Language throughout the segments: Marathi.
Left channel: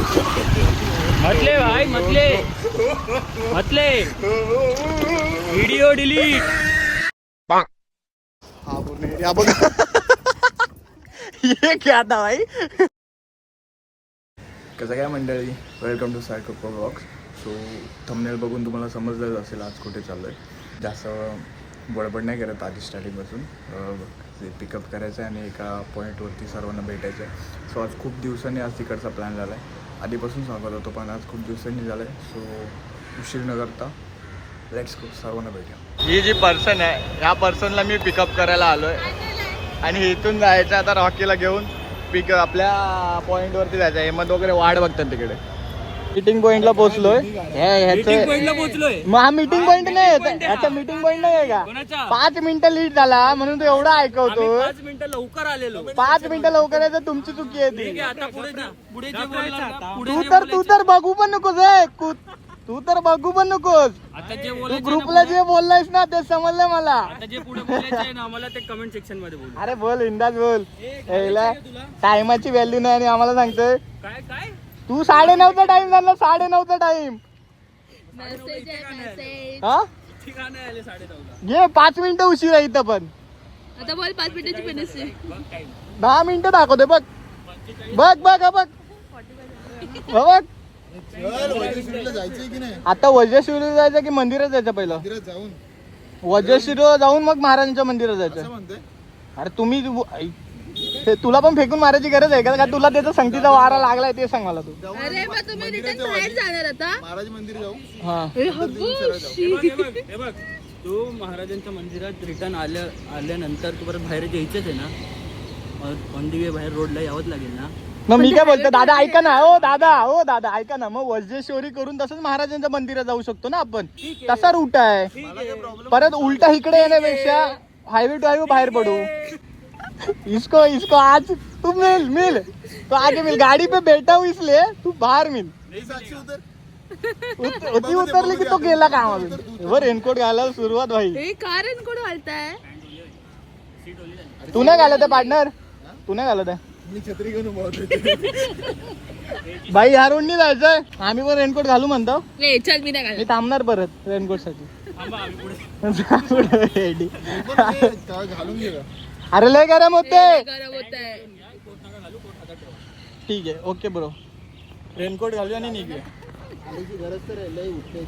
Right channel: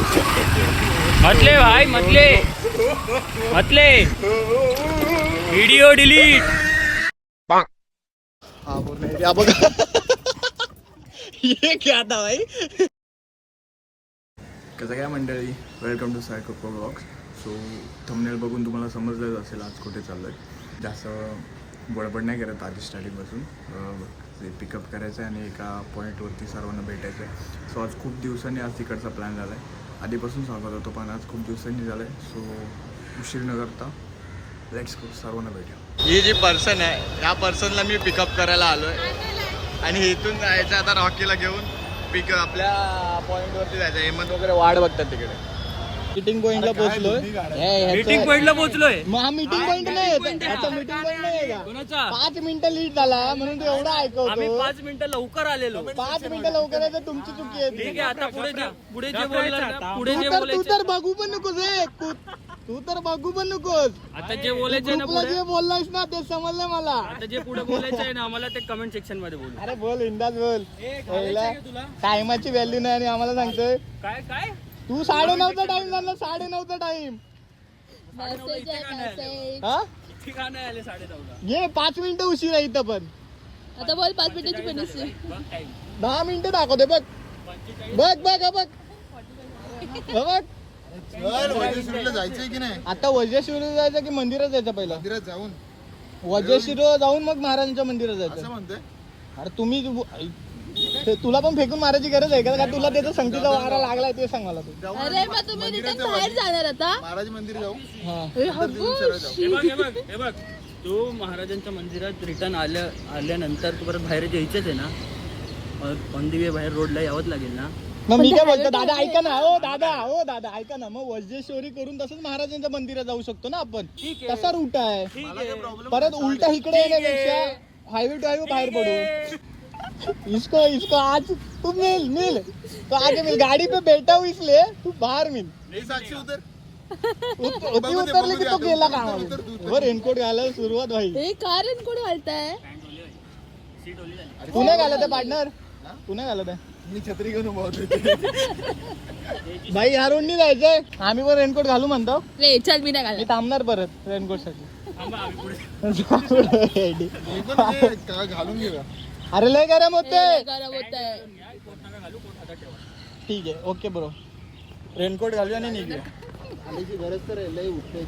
मतले भाई मतले व्हिडिओ डिलीट. हा पूर्ण एरिया बघा. ये क्या था भाई. कसं काय मंडळी, वेलकम टू साय कोको ब्लॉग. सो थंबनेल बघून तुम्हाला समजलंच असेल आज कुठे चाललोय. जास्त बडबड नाही करत आधी स्टार्टिंगपासून. पिकअप करायचं आहे आणि एका पॉईंटवरती सर्वांना भेटायचं आहे. सो आज खूप दिवसांनी आज तिकडचा प्लॅन झाला आहे. आधीपासून सांगत होतो पण आज खूप दिवसांनी झालं आहे. सो उशीर न करता लेट्स गो, सर्वांना भेटूया. ही जी पर्सन आहे ह्या पर्सनला मी पिकअप करायला आलो आहे आणि इथून जायचं आता रॉकीला घेऊन पिक आपल्या पॉईंटवरती जायचं. हेमंत वगैरे वाट बघतात तिकडे. मीटिंग पॉइंटला पोहोचलोय. मीटिंग पॉइंटला पोहोचलोय. मग हा मीटिंग पॉइंट नाही, याचा मीटिंग पॉइंट नाही आहे का? 5 मिनिटं लेट झाला म्हणून तो एवढा ऐकवतो. 5 मिनिटं लवकर आलेलो. 5 मिनिटं लवकर आहे तर तुमची चुकी आहे ती. आता पुढे जे बोलणार तू तर बघू पण नकोस रे. तू तर बघू पण नकोस. आता जे बोलायचं ग्रुपला जे बोललायस ना ते समजलं मला. आता जे पुढे बोलायचं आहे ना आम्हाला ते कमेंट सेक्शन मध्ये बोल. अरे बोल इंदाज बोल. टायमाची व्हॅल्यू नाही आणि आम्हाला सांगतोय काय काय तू 9:30चा टाइम झाला. 9:30चा टाइम. हा ठिकाण आले 9:30. घे 5 मिनिटं उशीर आहे इथं पण. आता बोल 5 मिनिटाची पेनल्टी. 10 मिनिटं दाखवते बघ. बघ बघ बघ बघ. जायचंय की नाही? आता वज्रशिवला जायचं की मंदिरात जायचं? पहिलं मंदिरात जाऊन वज्रशिवला जाऊन मग महाराजांच्या मंदिरात जायचं. म्हणतोय. अरे तुम्ही तुला पण फेकून मारायची गरज आहे का? तुला त्याचा संगतीचा वारा लागलाय ते सांग मला तू. अरे मग तुम्ही रिटर्न बाहेर जाणार आता? महाराज मंदिर जाऊ. हा हे बघ तू महाराजांच्या मंदिरात रिटर्न आल्यानंतर तू परत बाहेर यायचंच आहे ना. ऑन दी वे बाहेर रोडला यावंच लागेल ना. मग मी काय बोलतो दादा ऐका ना. ओ दादा ऐका ना. मग वज्रेश्वरी करून तसंच महाराजांच्या मंदिरात जाऊ शकतो ना आपण. तसा रूट आहे. परत उलटा इकडे येण्यापेक्षा हायवे टू हायवे बाहेर पडू. इसको आज तू मिल तो आगे मिल. गाड़ी पे बैठा हूँ इसलिए तू बाहर मिल. साक्षी उतर. उतरली की तो गेला का? रेनकोट घालायला सुरुवात भाई. हे का रेनकोट घालताय? तू नाही घालत आहे पार्टनर? तू नाही घालत आहे? मी छत्री घेऊन उभा होतो. भाई ह्या रोडनी जायचंय. आम्ही पण रेनकोट घालू म्हणतो. ले चल मी नाही मी घालत. थांबणार परत रेनकोट साठी. घालून घे का? अरे लय गरम होते. गरम होतंय. ठीक आहे ओके ब्रो. रेनकोट घालूया आणि निघूया. आल्याची गरज तर लय उठते.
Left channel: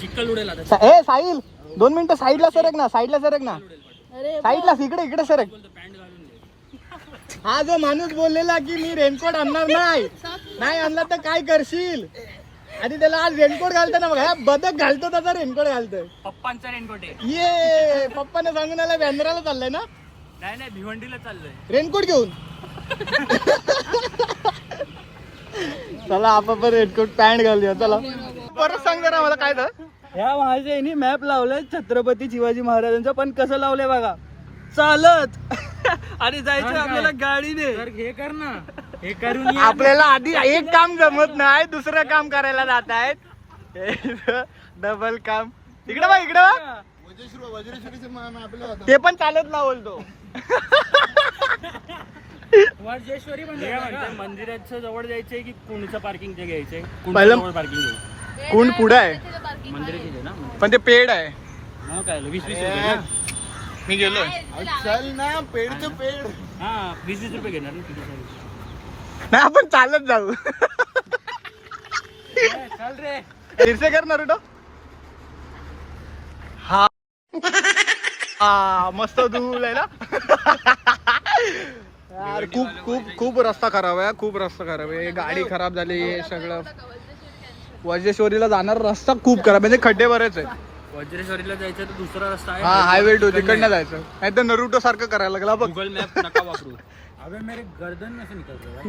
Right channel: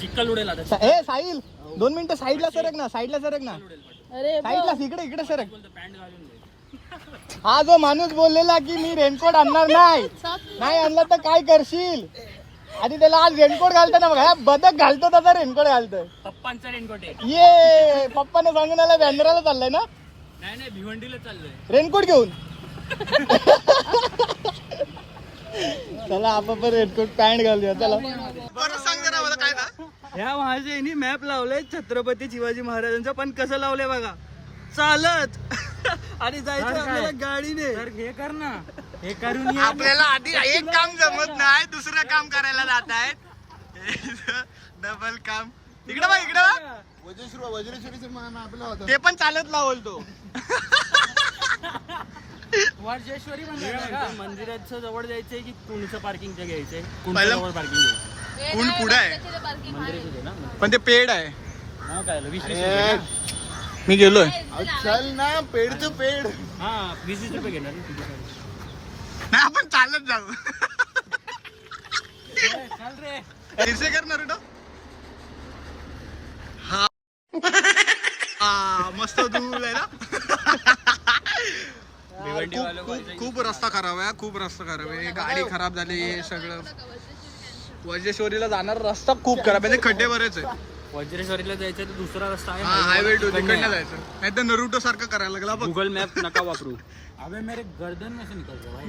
चिखल उडेल आता. ए साहिल 2 मिनिटं साईडला सरक ना. अरे साईडला इकडे सरक. हा जो माणूस बोललेला की मी रेनकोट आणणार नाही आणला तर काय करशील? आणि त्याला आज रेनकोट घालताना बघा बदक घालतो तसा रेनकोट घालतोय. पप्पांचा रेनकोट आहे. ये पप्पाने सांगून आला बँड्राला चाललंय ना. नाही भिवंडीला चाललोय रेनकोट घेऊन. चला आपण रेनकोट पॅन्ट घालूया. चला परत सांग जरा मला काय तर. ह्या माझ्या मॅप लावलाय छत्रपती शिवाजी महाराजांचा. पण कसं लावलंय बघा. चालत आणि जायचं आपल्याला गाडीने. तर हे कर ना. हे करून आपल्याला आधी एक काम जमत नाही दुसरं काम करायला जात आहेत. डबल काम. इकडे बघ वज्रेश्वरीचं मान आपलं होतं. ते पण चालत लावल तो. वज्रेश्वरी म्हणजे मंदिराच्या जवळ जायचंय की कुंडचं पार्किंगचं घ्यायचंय? पहिलं- जवळ पार्किंग घेऊ. कुंड पुढे आहे पण ते पेड आहे. काय 20-20 मी गेलोय. चल ना पेड टू पेड. हा 20-20 रुपये घेणार ना किती. नाही आपण चालत जाऊ. चल रे. फिरसे करणार होतो. हा मस्त धूल आहे ना. खूप रस्ता खराब आहे. खूप रस्ता खराब आहे. गाडी खराब झाली. हे सगळं वज्रेश्वरीला जाणार रस्ता खूप खराब म्हणजे खड्डे बरेच आहे. वज्रेश्वरीला जायचं तर दुसरा रस्ता आहे. हा हायवे टू तिकडनं जायचं. नाही तर नरुटो सारखं करायला लागला बघ. गुगल मॅप नका वापरू. अबे मेरे गर्दन में से निकल रहा भाई.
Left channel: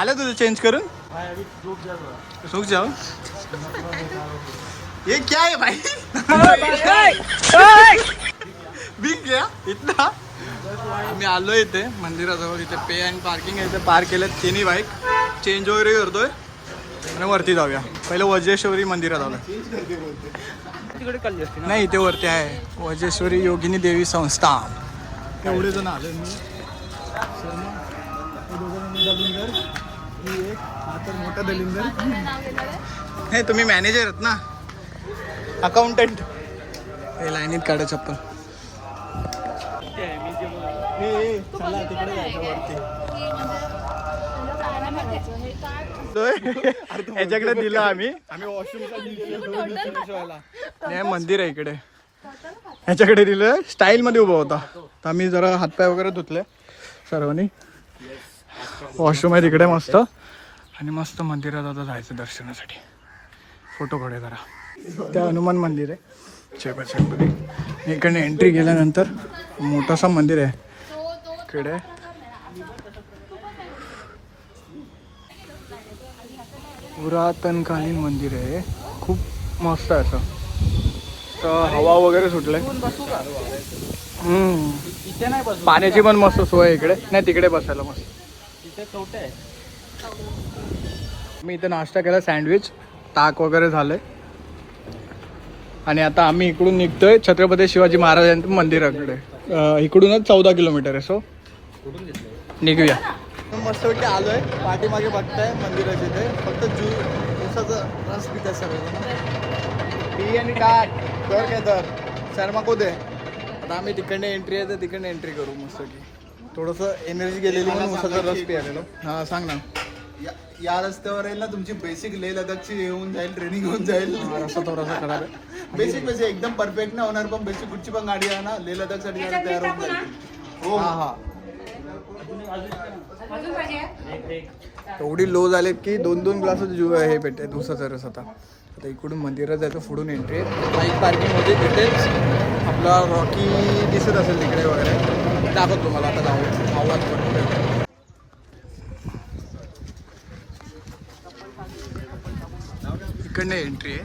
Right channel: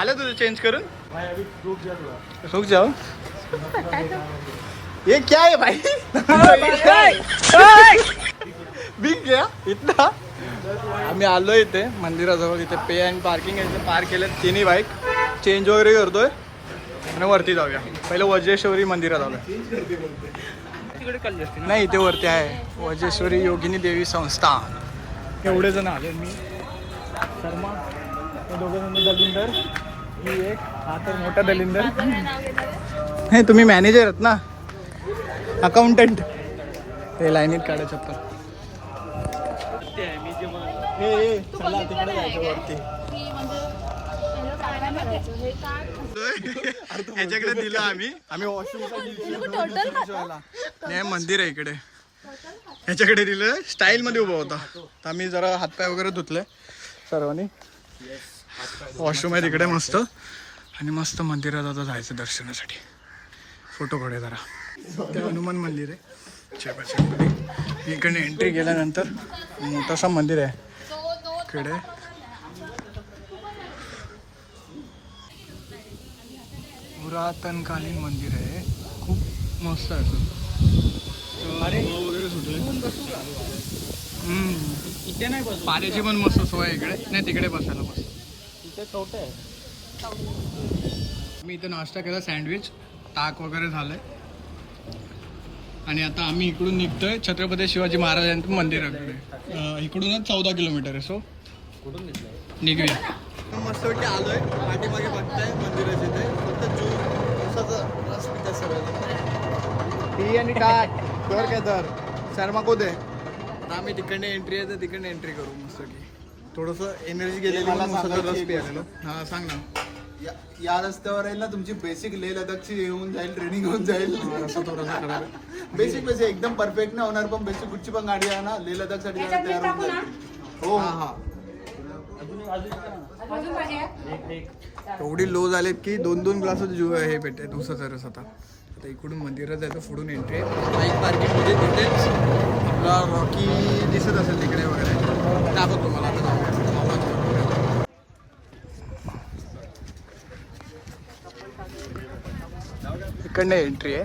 आलं तुझं चेंज करून. रुक जाओ. ये क्या है भाई? बिग गया इतना. आम्ही आलो इथे मंदिराजवळ. इथे पे अँड पार्किंग आहे. इथे पार्क केले तिन्ही बाईक. चेंज वगैरे करतोय आणि वरती जाऊया. पहिलं वज्रेश्वरी मंदिरात आलोय. नाही इथे वरती आहे वज्रेश्वरी योगिनी देवी संस्थान. एवढे जण आले. मी शर्मा, दोघं दलिंदर, ही एक हा तर मोठा दलिंदर. माझं काय नाव घेतलं हे तुम्ही मॅनेजर आहेत ना, अकाउंटंट. हे लाईनीत काढा चप्पल. चला तिकडे जायचं वरती. की म्हणजे एवढं काय नाही करायचं. हे काय याच्याकडे दिलं आम्ही नाही, मंदिर आहे इकडे. ह्याच्याकडे दिलं, स्टाईल मध्ये उभा होता. तर आम्ही जरा हातपाय वगैरे धुतले सर्वांनी. वॉशरूम आहे तिकडे मस्त. आणि मस्त मंदिरात आता जायचं दर्शनासाठी. फोटो काढूया जरा. त्या हनुमान मंदिर आहे चेपडी. इकडे एंट्री केल्यानंतर मोठासा मंदिर आहे इकडे. पुरातनकालीन मंदिर आहे, खूप मस्त आहे असं. तर हवा वगैरे सुटलंय. इथे नाही बस, पाण्याची पण मस्त सोय आहे इकडे. नाही तिकडे बसायला मस्त. इथे कवटे आहे. मी इथे नाश्ता केला, सँडविच, ताक वगैरे झालंय. आणि आता आम्ही इकडून निघतोय छत्रपती शिवाजी महाराजांच्या मंदिराकडे. इकडूनच 14 किलोमीटर आहे. सो निघूया. मस्तपैकी आलोय. पाठीमागे बघताय मंदिराचे ते फक्त टी आणि टाक तर काय तर शर्मा को दे. आता आम्ही तिकडने एंट्री आहे तर तिकडने एंट्री करू मस्त की. थोडंसं एनर्जी गेलेली म्हणून उसाचा रस पियालेलो. हा सांग ना. या रस्त्यावर आहे ना तुमची बेसिक लेह लडाखची येऊन जाईल, ट्रेनिंग होऊन जाईल. रस्ता थोडासा खराब आहे. बेसिक एकदम परफेक्ट नाही होणार, पण बेसिक कुठची पण गाडी आहे ना लेह लडाख साठी तयार होऊन जाईल. हो हा हा. एवढी लो झालेत की 2-2 ग्लास हे भेटते दुसरा रस. आता इकडून मंदिरात जायचं, पुढून एंट्री. बाईक पार्किंग होते तिथे. आपला रॉकी दिसत असेल तिकडे वगैरे. दाखवतो तुम्हाला. आता जाऊया आवाज बरोबर. इकडनं एंट्री आहे.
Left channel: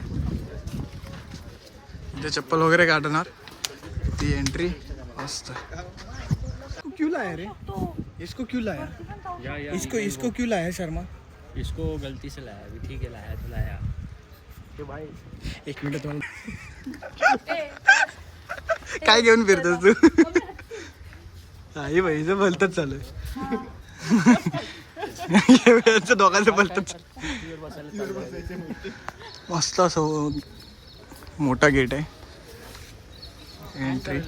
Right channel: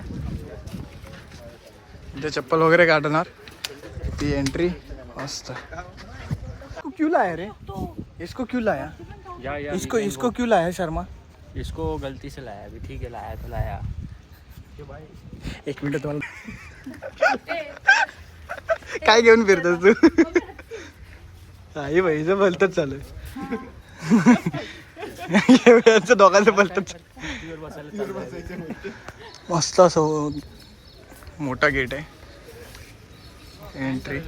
इथे चप्पल वगैरे काढणार ती एंट्री. मस्त. क्यों लाया रे इसको? क्यों लाया? इसको क्यों लाया शर्मा? इसको गलती से लाया. अभी ठीक है, लाया तो लाया. एक मिनिट तुम्हाला काय घेऊन फिरतोस तू? आई बाईचं भलतच चालू आहे. दोघांचं भलतच. मस्त असं मोठा गेट आहे. एंट्री.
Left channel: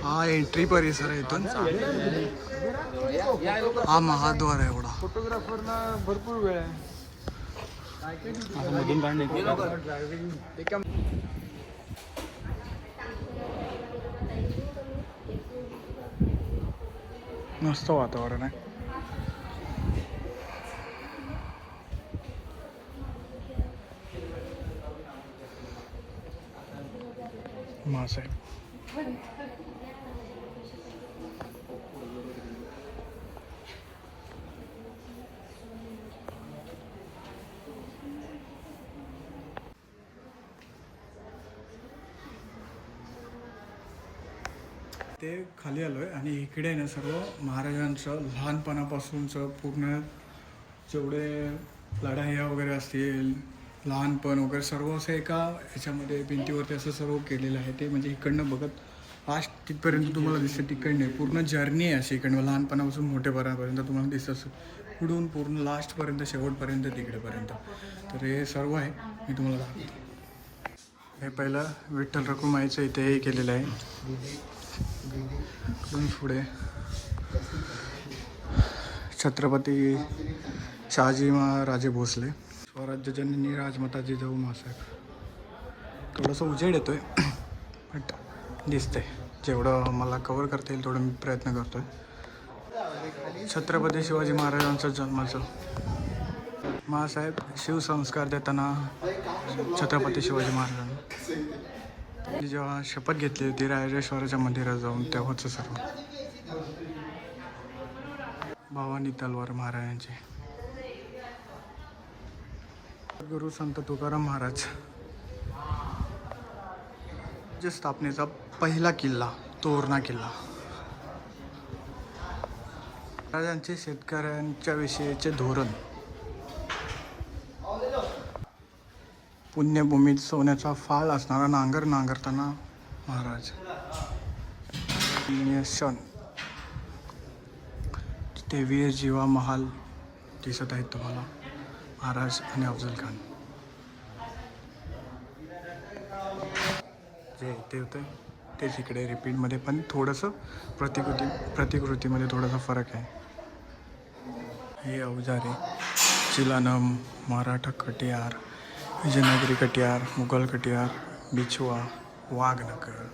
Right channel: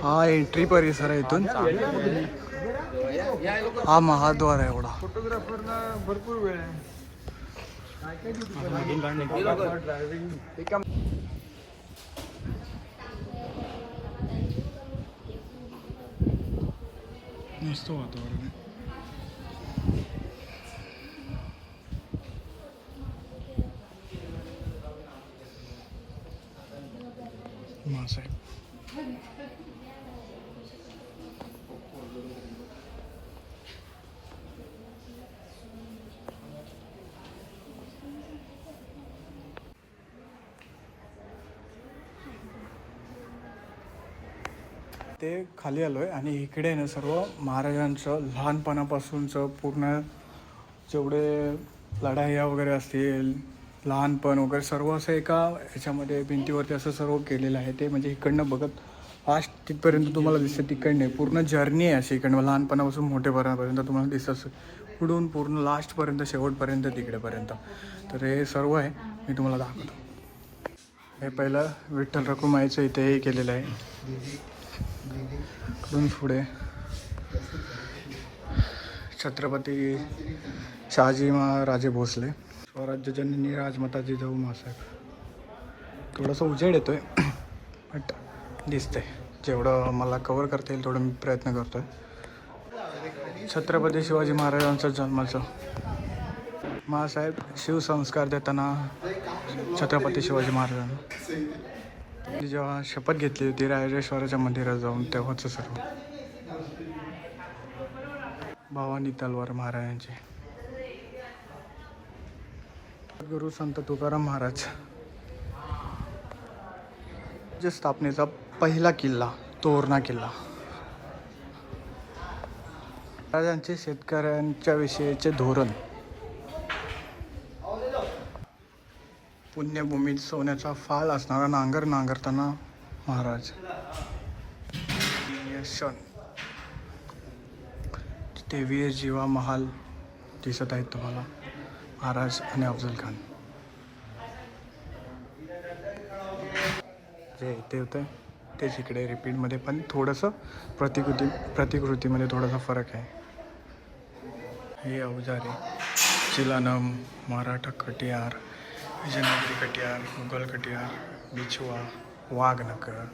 हा एंट्री परिसर आहे. इथून हा महाद्वार आहे एवढा. भरपूर वेळ आहे. मस्त वातावरण आहे. मासाहेब ते खाली आलोय. आणि इकडे ना सर्व महाराजांचं लहानपणापासूनचं पूर्ण जेवढे लढाया वगैरे असतील, लहानपण वगैरे सर्व असं एका ह्याच्यामध्ये भिंतीवरती असं सर्व केलेलं आहे. ते म्हणजे इकडनं बघत लास्ट तिथपर्यंत तुम्हाला दिसतं. तिकडनं पूर्ण जर्नी आहे अशी. इकडनं लहानपणापासून मोठेपणापर्यंत तुम्हाला दिसत असं पुढून पूर्ण लास्टपर्यंत, शेवटपर्यंत, तिकडेपर्यंत. तर हे सर्व आहे, मी तुम्हाला दाखवतो. हे पहिलं विठ्ठल रखुमाईचं इथे हे केलेलं आहे. इकडून पुढे छत्रपती शहाजी महाराजे भोसले, स्वराज्य जननी राजमाता जिजाऊ मासाहेब. थोडंसं उजेड येतोय बट दिसतंय. जेवढं मला कव्हर करता येईल तेवढं मी प्रयत्न करतोय. छत्रपती शिवाजी महाराजांचं जन्माचं. महासाहेब शिवसंस्कार देताना छत्रपती शिवाजी महाराजांना मी जेव्हा शपथ घेतली होती रायरेश्वराच्या मंदिरात जाऊन, तेव्हाच सर्व. भवानी तलवार महाराजांचे. गुरु संत तुकाराम महाराज. स्थापनेचा पहिला किल्ला तोरणा किल्ला. महाराजांचे शेतकऱ्यांच्या विषयीचे धोरण. पुण्यभूमीत सोन्याचा फाल असणारा नांगर नांगरताना महाराज. क्षण तिथे वीर जीवा महाल दिसत आहेत तुम्हाला, महाराज आणि अफजल खान. जे इथे होतं तेच इकडे रिपीटमध्ये, पण थोडंसं प्रतिकृतीमध्ये थोडासा फरक आहे. हे अवजारे, चिलानम, मराठा कटियार, विजयनगरी कटियार, मुघल कटियार, बिछुआ, वाघनकर,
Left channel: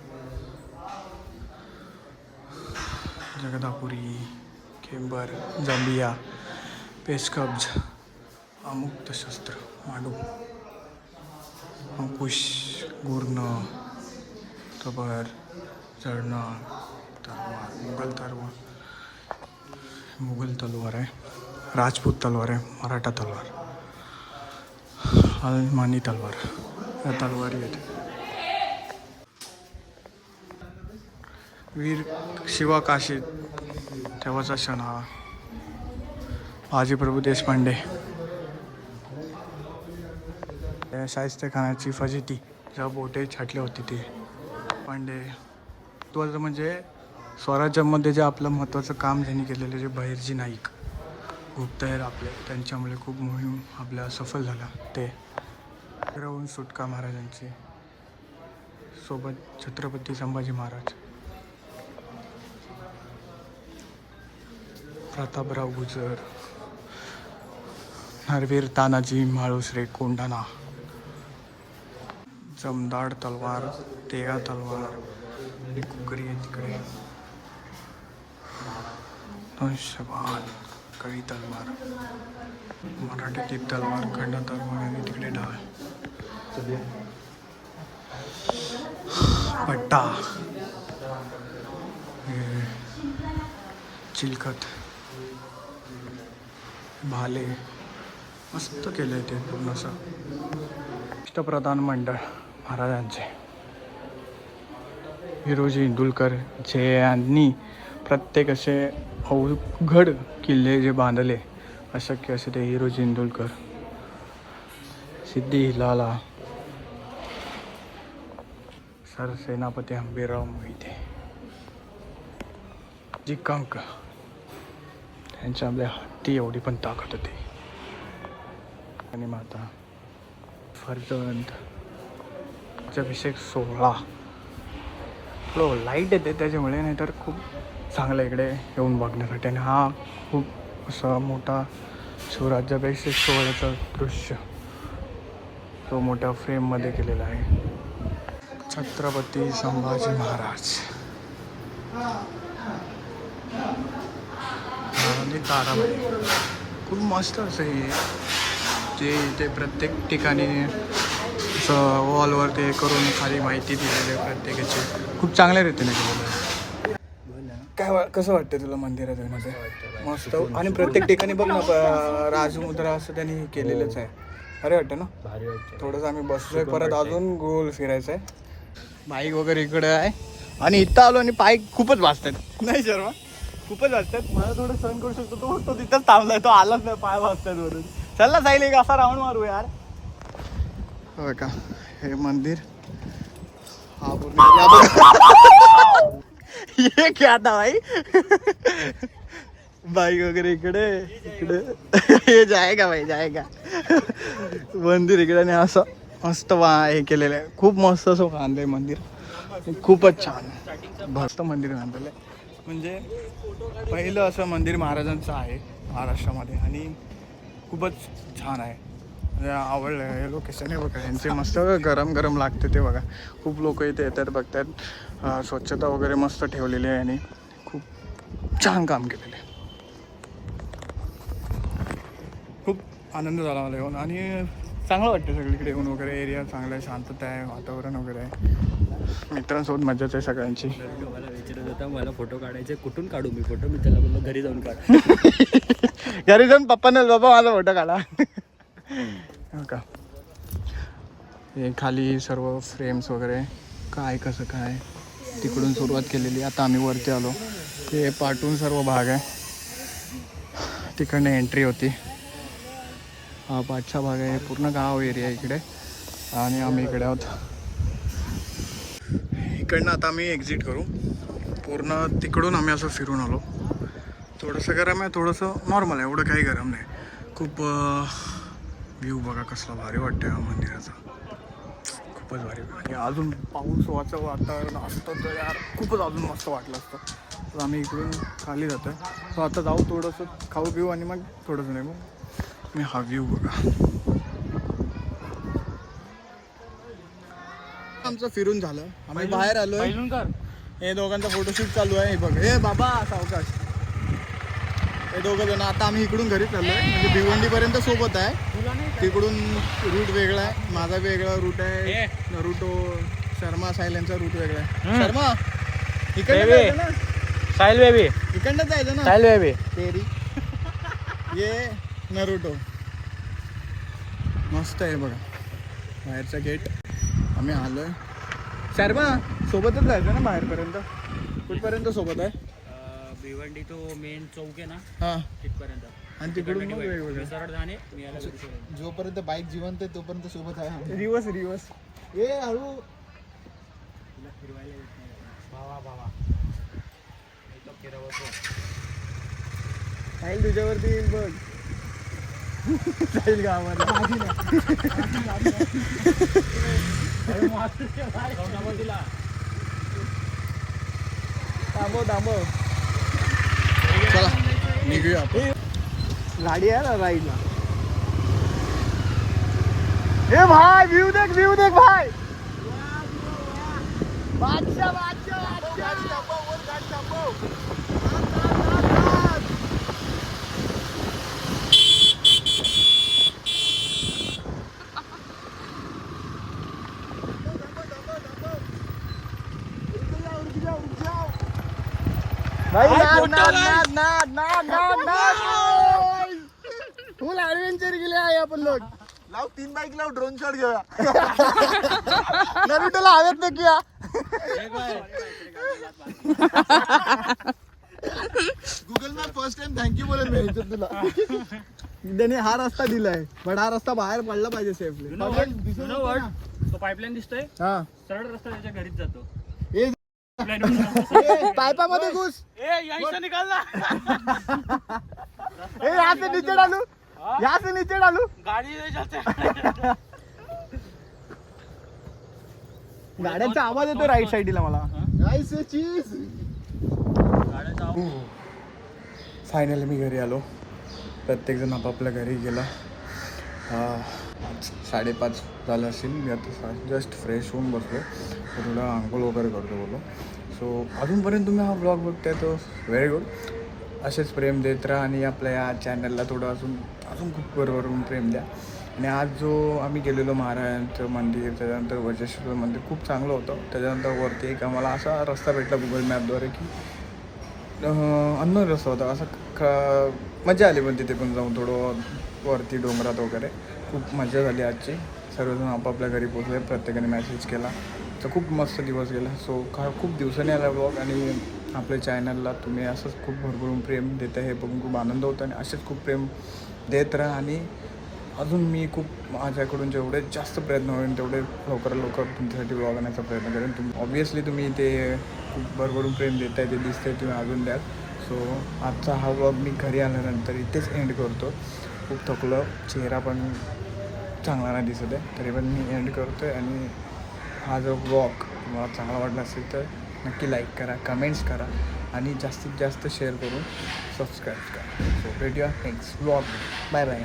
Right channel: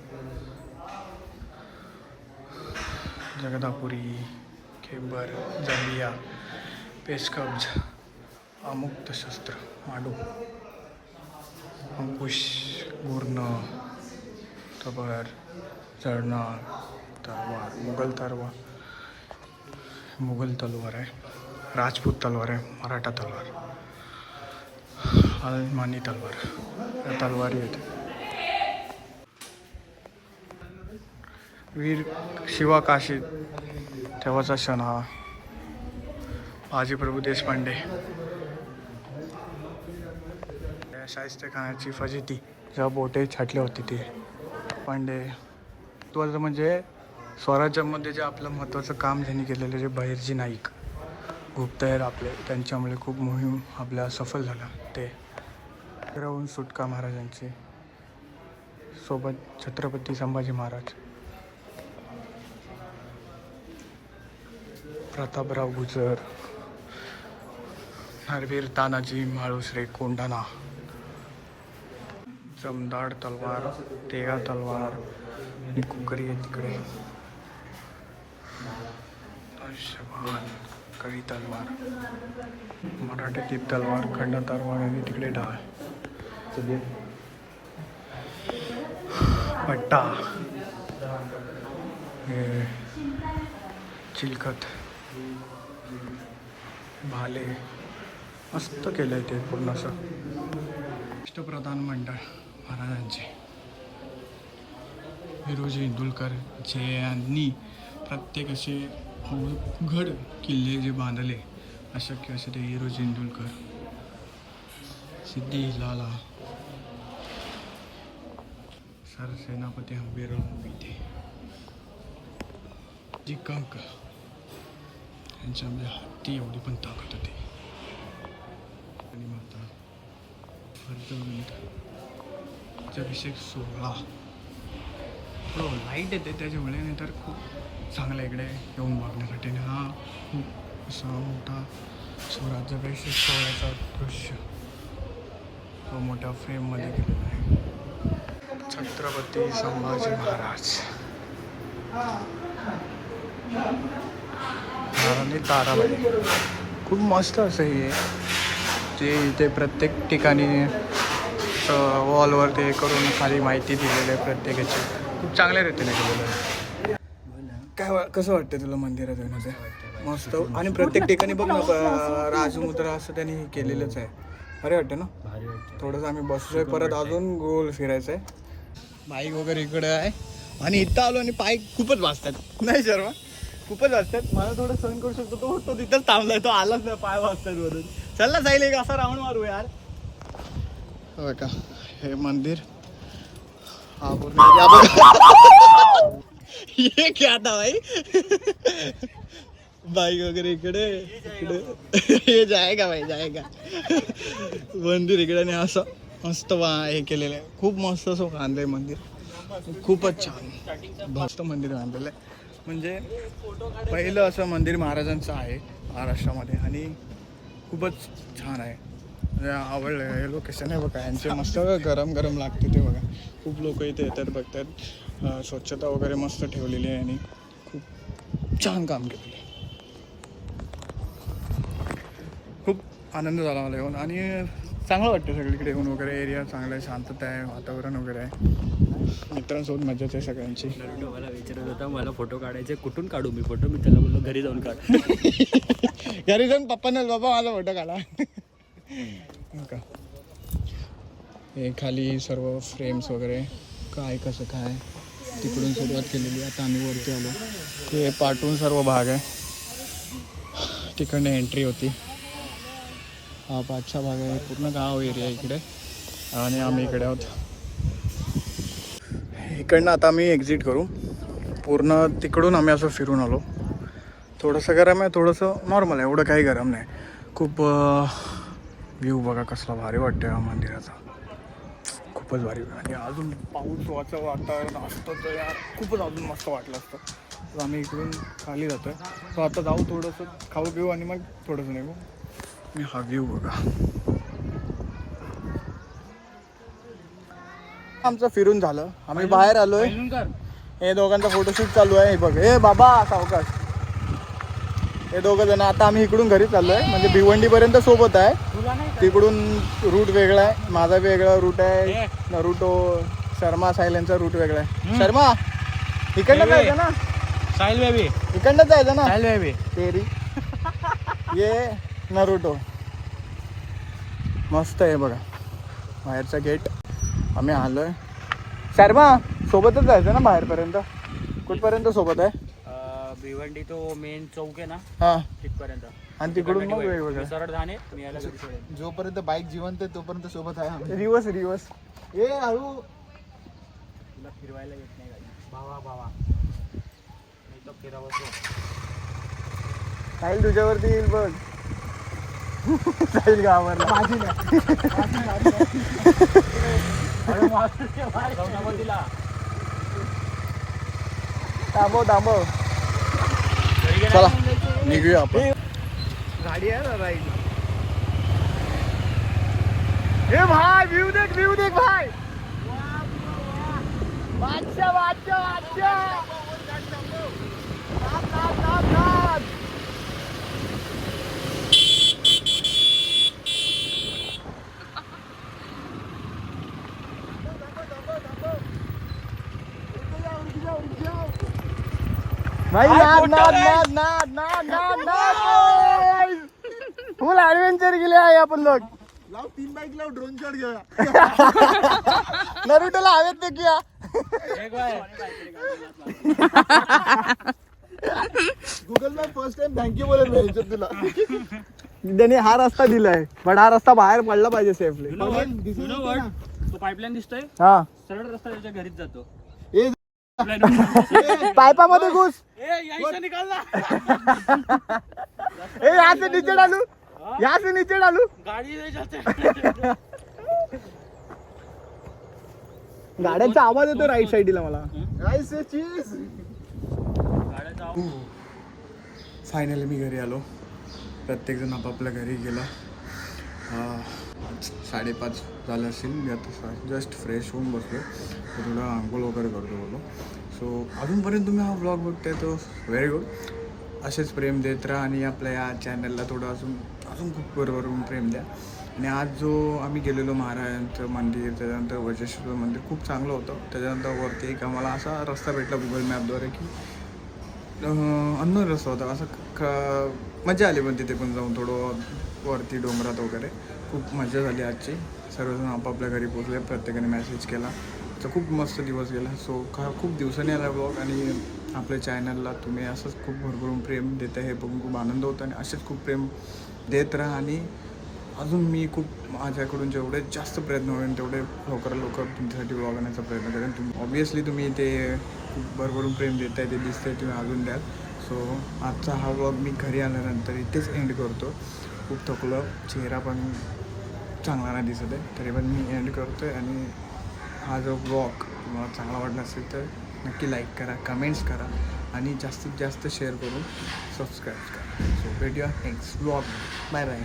जगदापुरी, केंबर, जांबिया, पेशकब्ज, अमुक्त शस्त्र, माडू, अंकुश, गुर्ण, तबर, जळणा, तलवार, मुघल तलवार आहे, राजपूत तलवार आहे, मराठा तलवार, अलमानी तलवार, या तलवारी आहेत. वीर शिवा काशीद तेव्हाचा क्षण हा. बाजीप्रभू देशपांडे, शाहिस्ते खानाची फजिती, ह्या बोटे छाटली होती ती पांडे. महत्त्वाचं म्हणजे स्वराज्यामध्ये जे आपलं महत्त्वाचं काम ज्यांनी केलेलं, जे बहिर्जी नाईक गुप्तहेर आपले, त्यांच्यामुळे खूप मोहीम आपल्या सफल झाला. ते राहून सुटका महाराजांची, सोबत छत्रपती संभाजी महाराज, प्रतापराव गुजर, नरवीर तानाजी माळुसरे कोंढाणा, जमदाड तलवार, तेगा तलवार, कुकरी आहे तिकडे, अंशभान, कळी तलवार, मराठीची तलवार, खंड तलवार आणि तिकडे ढाल, पट्टा, हे चिलखत, भाले, मस्त केलं आहे ते पूर्ण असं. राष्ट्रप्रधान मंडळ महाराजांचे, हिरोजी इंदुलकर, जे यांनी प्रत्येक असे अवघड किल्ले जे बांधले अशक्य असे ते हिरोजी इंदुलकर. सिद्धी हिलाला, सरसेनापती हंबीरराव मोहिते, जिंकांक, त्यांच्या आपल्या हत्ती एवढी पण ताकद होती. आणि माता फर्जंद, अभिषेक सोहळा, लाईट येते त्याच्यामुळे, नाहीतर खूप चांगलं इकडे येऊन बघण्यासाठी. आणि हा खूप असा मोठा शिवराज्याभिषेक सोहळ्याचं दृश्य तो मोठ्या फ्रेममध्ये केलेला आहे. छत्रपती संभाजी महाराज आणि ताराबाई, खूप मस्त असं हे जे इथे प्रत्येक ठिकाणी वॉलवर ते करून खाली माहिती दिलेली आहे प्रत्येकाची, खूप चांगल्या रीतीने केलेलं आहे. काय कसं वाटतं तुला मंदिरात मध्ये? मस्त. आणि प्रत्येक ठिकाणी बघ ना राजमुद्रा असं त्यांनी केलेलंच आहे. अरे वाटतं ना, भारी वाटतं. थोडंसं आम्ही बसलोय, परत अजून गोल फिरायचं आहे. बाईक वगैरे इकडे आहे आणि इथं आलो आणि पाय खूपच वाजतात नाही शर्मा, खूपच वाजतात. मला थोडं सहन करू शकतो, तो तिथंच थांबलाय, तो आलाच नाही, पाय वाजतात वरून. चल ना जाईल एक असा राऊंड मारू यार. हो का, हे मंदिर हा पूर्ण ये क्या था भाई, बाईक वगैरे इकडे हे जाएगा भाई जाएगा. मंदिर इकडे आणि असं मस्त हे केलेलं आहे, खूप मस्त असं बांधलंय मंदिर, खूपच छान मस्त मंदिर बांधलेलं आहे. म्हणजे पहिलं असं मंदिर महाराजांचं आहे महाराष्ट्रामध्ये आणि खूपच छान आहे. आवडलं हे लोकेशन आहे बघा, यांचे मस्त गरम गरम लागते ते बघा. खूप लोक इथे येतात बघतात, स्वच्छता वगैरे मस्त ठेवलेली आहे आणि खूप छान काम केलेलं आहे. खूप आनंद झाला मला येऊन आणि चांगलं वाटतं सगळीकडे येऊन वगैरे. एरिया चांगला आहे, शांतता आहे, वातावरण वगैरे आहे, मित्रांसोबत मजाच आहे सगळ्यांची. मला विचारत होता मला फोटो काढायचे, कुठून काढू मी फोटो? मी त्याला बोललो घरी जाऊन काढ. घरी जाऊन पप्पांना बाबा माझा फोटो काढा. हो का, हे खाली सर्व फ्रेम्स वगैरे काय कसं काय तिकडून सुरुवात केलेली. आता आम्ही वरती आलो, हे पाठवून सर्व भाग आहे, तिकडनं एंट्री होती. हा पाचचा भाग आहे, पूर्ण गाव एरिया इकडे. आणि आम्ही इकडे आहोत. इकडनं आता आम्ही एक्झिट करू. पूर्ण तिकडून आम्ही असं फिरून आलो. थोडंसं गरम आहे, थोडंसं नॉर्मल आहे, एवढं काही गरम नाही. खूप व्ह्यू बघा कसला भारी वाटतं या मंदिराचा, खूपच भारी. आणि अजून पाऊसाचं वातावरण असतं तर यार खूपच अजून मस्त वाटलं असतं. तर आम्ही इकडे खाली जातो आहे. सो आता जाऊ, थोडंसं खाऊ पिऊ आणि मग थोडंसं निघू. आणि हा व्ह्यू बघा. आमचं फिरून झालं, आम्ही बाहेर आलोय. हे दोघांचा फोटोशूट चालू आहे. हे बघ, हे बाबा सावकाश, हे दोघं जण. आता आम्ही इकडून घरी चाललोय, म्हणजे भिवंडीपर्यंत सोबत आहे. तिकडून रूट वेगळा आहे, माझा वेगळा रूट आहे. नरुटो शर्मा सायलेंचा रूट वेगळा आहे. शर्मा इकडनं जायचं ना, साहिल बेबी इकडनं जायचं ना. साहिल बेबी तेरी ये नरुटो. मस्त आहे बघा बाहेरचा गेट. आम्ही आलोय. शर्मा सोबतच जायचं ना बाहेरपर्यंत. कुठपर्यंत सोबत आहे? भिवंडी तो मेन चौक आहे ना, हां, तिथपर्यंत. आणि तिकडून मग वेगवेगळं. सरळ धाने मी याला घरी सोडेन. जोपर्यंत बाईक जिवंत आहे तोपर्यंत सोबत आहे आम्ही. Reverse reverse. ए हळू. तिला फिरवायला येत नाही गाडी. भावा मी तो फिरवतो. साहिल तुझ्यावरती येईल बघ. साहिल गावाला तिला थांबव. चला निघूया आपण. गाडी आहे ना राईडला. ए भाई व्ह्यू देख भाई. बादशाह. फुल ऍडव्हेंचर केले आहे आपण लोक. लाव 3 बाईक लाव, ड्रोन शॉट घेऊया. नरुटोला हवेत नक्की. Google map first time thank you बोलत नाही तुला. त्याने हा रस्ता दिलाय, पण हा रस्ता बाहेर पडला पाहिजे सेफली. तो पाईपलाईन दिसतोय, हा, सरळ रस्ता त्याच्या घरीच जातो. पायपामध्ये घुस. निकाल ना. ए यहाँ से नीचे डालू, यहाँ से नीचे डालू. गाडी गाड्यांचा आवाज येतो राईट साईडला मला. फायनली मी घरी आलो. प्रत्येकजण आपापल्या घरी गेला. 5:30 झालं असेल. मी आता जस्ट फ्रेश होऊन बसलो, तर थोडं आंघोळ वगैरे करतो बोलो. सो अजूनपर्यंत तुम्ही हा ब्लॉग बघताय तो व्हेरी गुड. असेच प्रेम देत राहा आणि आपल्या या चॅनलला थोडं अजून खूप वरवरून प्रेम द्या. आणि आज जो आम्ही गेलेलो महाराजांचं मंदिर, त्याच्यानंतर वज्रेश्वर मंदिर खूप चांगलं होतं. त्याच्यानंतर वरती एक आम्हाला असा रस्ता भेटला गुगल मॅपद्वारे की अननोन रस्ता होता. असं मजा आली पण तिथे पण जाऊन थोडं वरती डोंगरात वगैरे. खूप मजा झाली आजची. सर्वजण आपापल्या घरी पोचले, प्रत्येकाने मॅसेज केला, तर खूप मस्त दिवस गेला. सो खूप दिवसांनी आला ब्लॉग. आणि आपल्या चॅनलला तुम्ही असंच खूप भरभरून प्रेम देत आहे हे बघून खूप आनंद होतो. आणि असेच खूप प्रेम देत राहा. आणि अजून मी खूप माझ्याकडून जेवढे जास्त प्रयत्न होईल तेवढे लवकर तुमच्यासाठी ब्लॉग आणण्याचा प्रयत्न करेन. ऑब्वियसली तुम्ही ते खूप भरभरून प्रेम देत आहे, ते दिसतंय, तुम्ही अजून द्याल. सो आजचा हा ब्लॉग मी घरी आल्यानंतर इथेच एंड करतो. खूप थकलो, चेहरा पण चांगला नाही दिसत आहे, तरी पण मी एंड करतो आहे. आणि हा जो ब्लॉग तुम्हाला चांगला वाटला असेल तर नक्की लाईक करा, कमेंट्स करा आणि जास्तीत जास्त शेअर करून सबस्क्राईब करा. सो भेटूया नेक्स्ट ब्लॉग. Bye bye.